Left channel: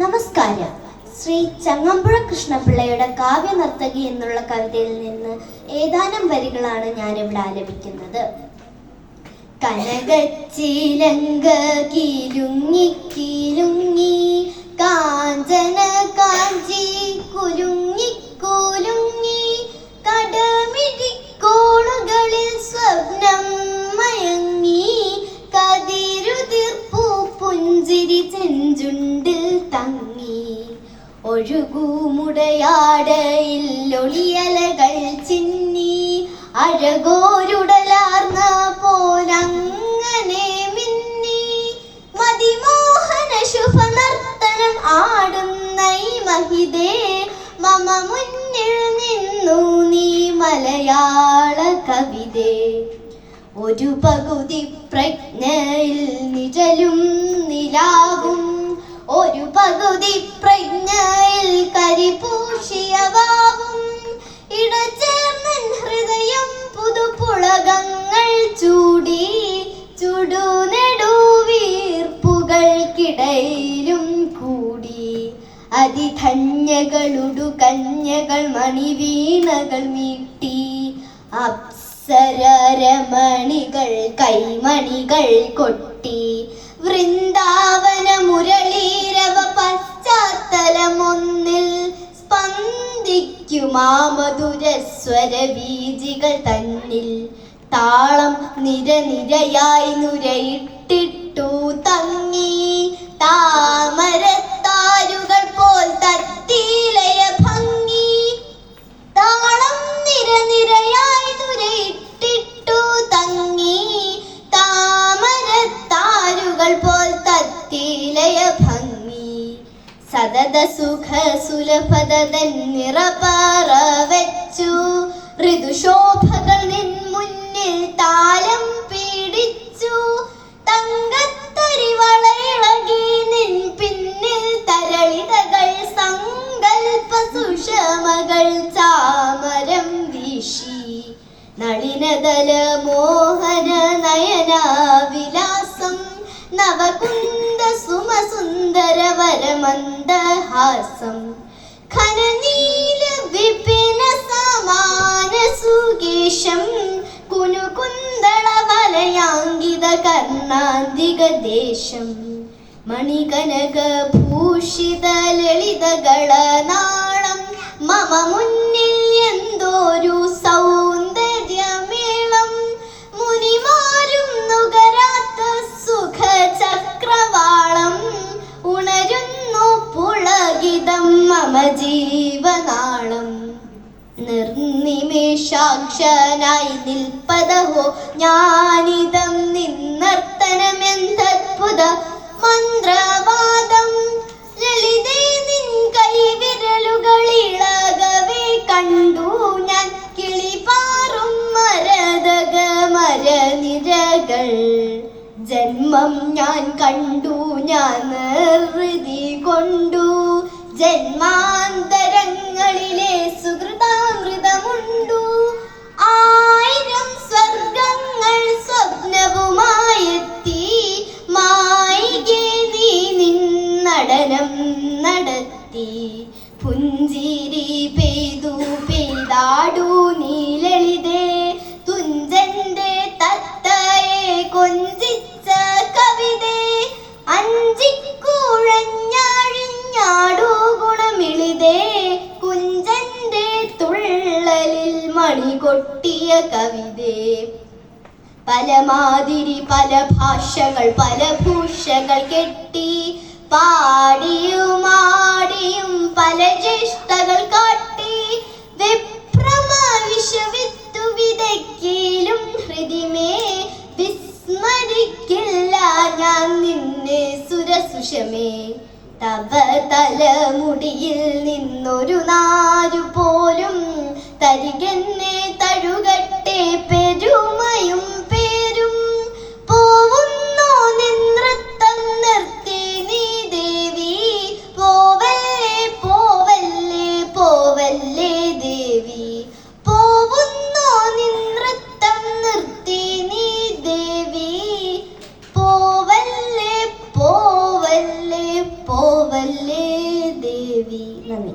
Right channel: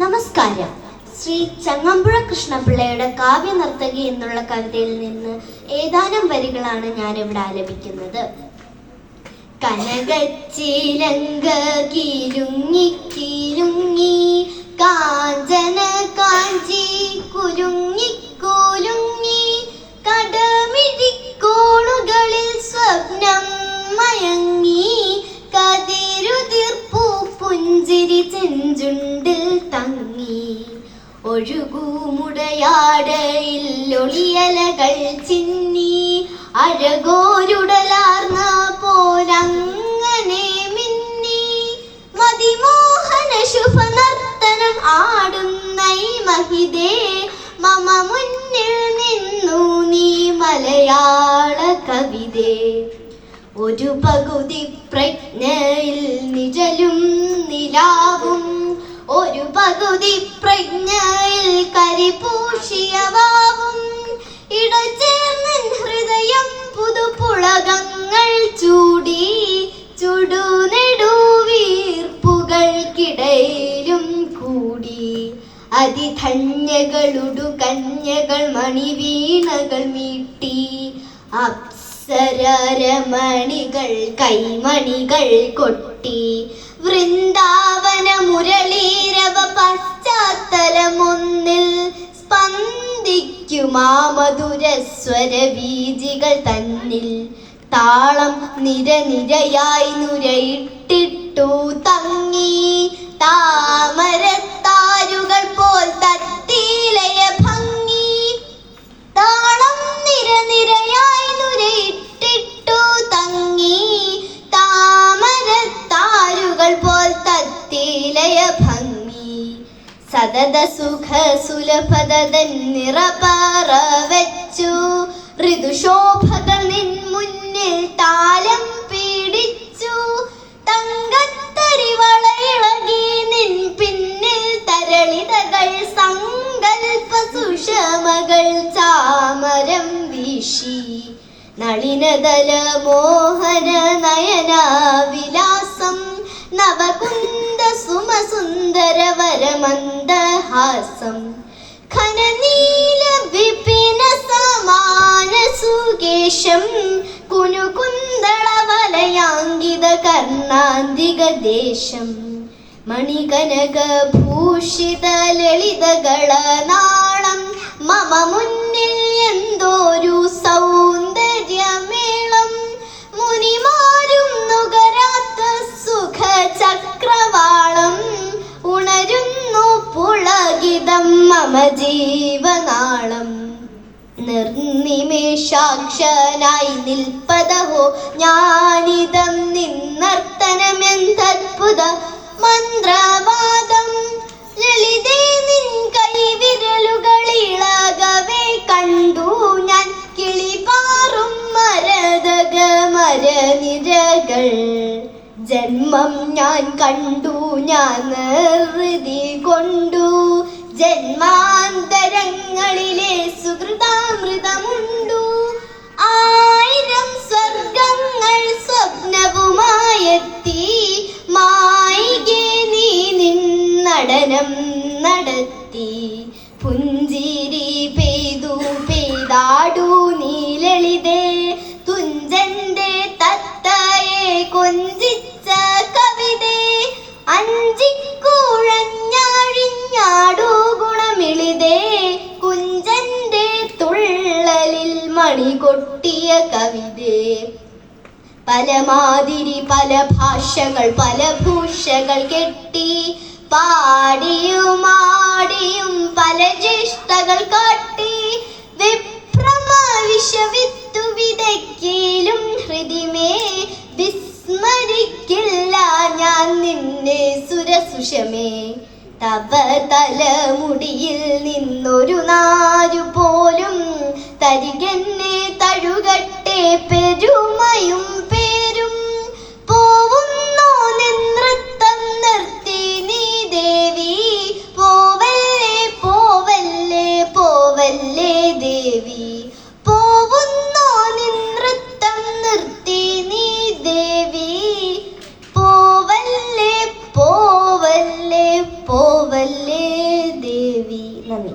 നമസ്കാരം. ശ്രീ ചങ്ങമ്പുഴ കൃഷ്ണപിള്ളയുടെ കാവ്യനർത്തകി എന്നുള്ള കവിതയിൽ നിന്ന് ഏതാനും വരികളാണ് ഞാനിവിടെ ആലപിക്കുന്നത്. കനകച്ചിലങ്ക കിലുങ്ങി കിലുങ്ങി കാഞ്ചന കാഞ്ചി കുലുങ്ങി കുലുങ്ങി കടമിഴിക്കോണുകളിൽ സ്വപ്നം മയങ്ങി കതിരുതിർപ്പൂ പുഞ്ചിരി ചെഞ്ചുണ്ടിൽ തങ്ങി ഒഴുകൂമുടയാടയിൽ ഒളിയലകൾ ചിന്നി അഴകോരുടലാർന്ന പോലങ്ങനെ മിന്നി മതിമോഹന ശുഭനർത്തനം ആടുന്ന മഹിതേ മമ മുന്നിൽ നിന്നു നീ മലയാള കവിതേ. ഒരു പകുതി പ്രജ്ഞയിൽ നിഴലും നിലാവും ഒരു പകുതി പ്രജ്ഞയിൽ കരിപൂശിയ വാവും ഇടചേർന്ന ഹൃദയം പുതുപുളകങ്ങൾ ചൂടി ചുടുനെടുവീർപ്പുകൾക്കിടയിലും കൂടി അതിധന്യകളുടു കന്യകൾ മണിവീണകൾ മീട്ടി അപ്സരമണികൾ കൈമണികൾ കൊട്ടി വൃന്ദാവന മുരളീരവ പശ്ചാത്തലമൊന്നിൽ സ്പന്ദിക്കുമാ മധുരസ്വര ബീജികൾ തന്നിൽ താളം നിരനിരയായി നുരയിട്ടിട്ടു തങ്ങി താമരത്താരുകൾ പോൽ തത്തിലയ ഭംഗി താളം നിരനിരയായി നുരയിട്ടിട്ടു തങ്ങി താമരത്താരുകൾ പോൽ തത്തിലയ ഭംഗി സതത സുഖ സുലഭതൻ നിറപാറ വെച്ചു ഋതുശോഭകൾ നിൻ മുന്നിൽ താലം പീഡിച്ചു തങ്കത്തരിവളയിളകി നിൻ പിന്നിൽ തരളിതകൾ സങ്കൽപ്പ സുഷമകൾ ചാമരം വീശി നളിനദല മോഹന നയന വിലാസം നവകുന്ദ സുമസുന്ദര വരമന്ദഹാസം ഘനനീല വിപിന സമാന സുകേശം കുനുകുന്ദള വലയാങ്കിത കർണാന്തിക ദേശം മണികനക ഭൂഷിത ലളിതകള നാളം മമ മുന്നിൽ എന്തോരു സൗന്ദര്യമേളം മുനിമാരും നുകരാത്ത സുഖ ചക്രവാളം ഉണരുന്നു പുളകിതം മമ ജീവനാളം നിർനിമേഷാക്ഷനായി നിൽപ്പതഹോ ഞാനിതം നിന്നർത്തനമെന്തദ്ഭുത മന്ത്രവാദം ലളിതേ നിൻ കൈവിരലുകളിളകവേ കണ്ടു ഞാൻ കിളിപാറും മരതക മരനിരകൾ ജന്മം ഞാൻ കണ്ടു ഞാൻ നിർവൃതി കൊണ്ടു ജന്മാന്തരങ്ങളിലെ സുഹൃതാമൃതമുണ്ടു ആയിരം സ്വർഗങ്ങൾ സ്വപ്നവുമായെത്തി മായികെ നീ നിന്നടനം നടത്തി പുഞ്ചിരി പെയ്തു പെയ്താടു നീ ലളിതേ തുഞ്ചന്റെ തത്തയെ കൊഞ്ചിച്ച കവിതേ അഞ്ചിക്കുഴഞ്ഞാഴിഞ്ഞാടു ഗുണമിളിതേ കുഞ്ചന്റെ തുള്ളലിൽ മണി കൊട്ടിയ കവിതേ. പലമാതിരി പല ഭാഷകൾ പല ഭൂഷകൾ കെട്ടി പാടിയുമാടിയും പല ജ്യേഷ്ഠകൾ കാട്ടി വിഭ്രമവിഷവിത്തു വിതയ്ക്കലും ഹൃദിമേ വിസ്മരിക്കില്ല ഞാൻ നിന്നെ സുരസുഷമേ. തവ തലമുടിയിൽ നിന്നൊരു നാരു പോലും തരികെന്നെ തഴുകട്ടെ പെരുമയും പേരും പോവുന്നോ നൃത്തം നിർത്തി നീ ദേവി പോവല്ലേ പോവല്ലേ പോവല്ലേ ദേവി പോവുന്നോ നൃത്തം നിർത്തി നീ ദേവി പോവല്ലേ പോവല്ലേ പോവല്ലേ നന്ദി.